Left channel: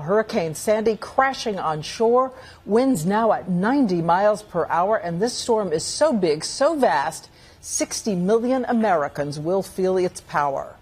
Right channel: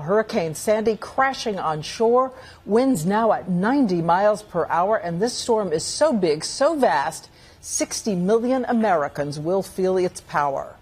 Hurricane Sandy crashing on shore, winds now at 90 miles per hour, and this storm is so big, so vast, 60 million Americans will feel its power.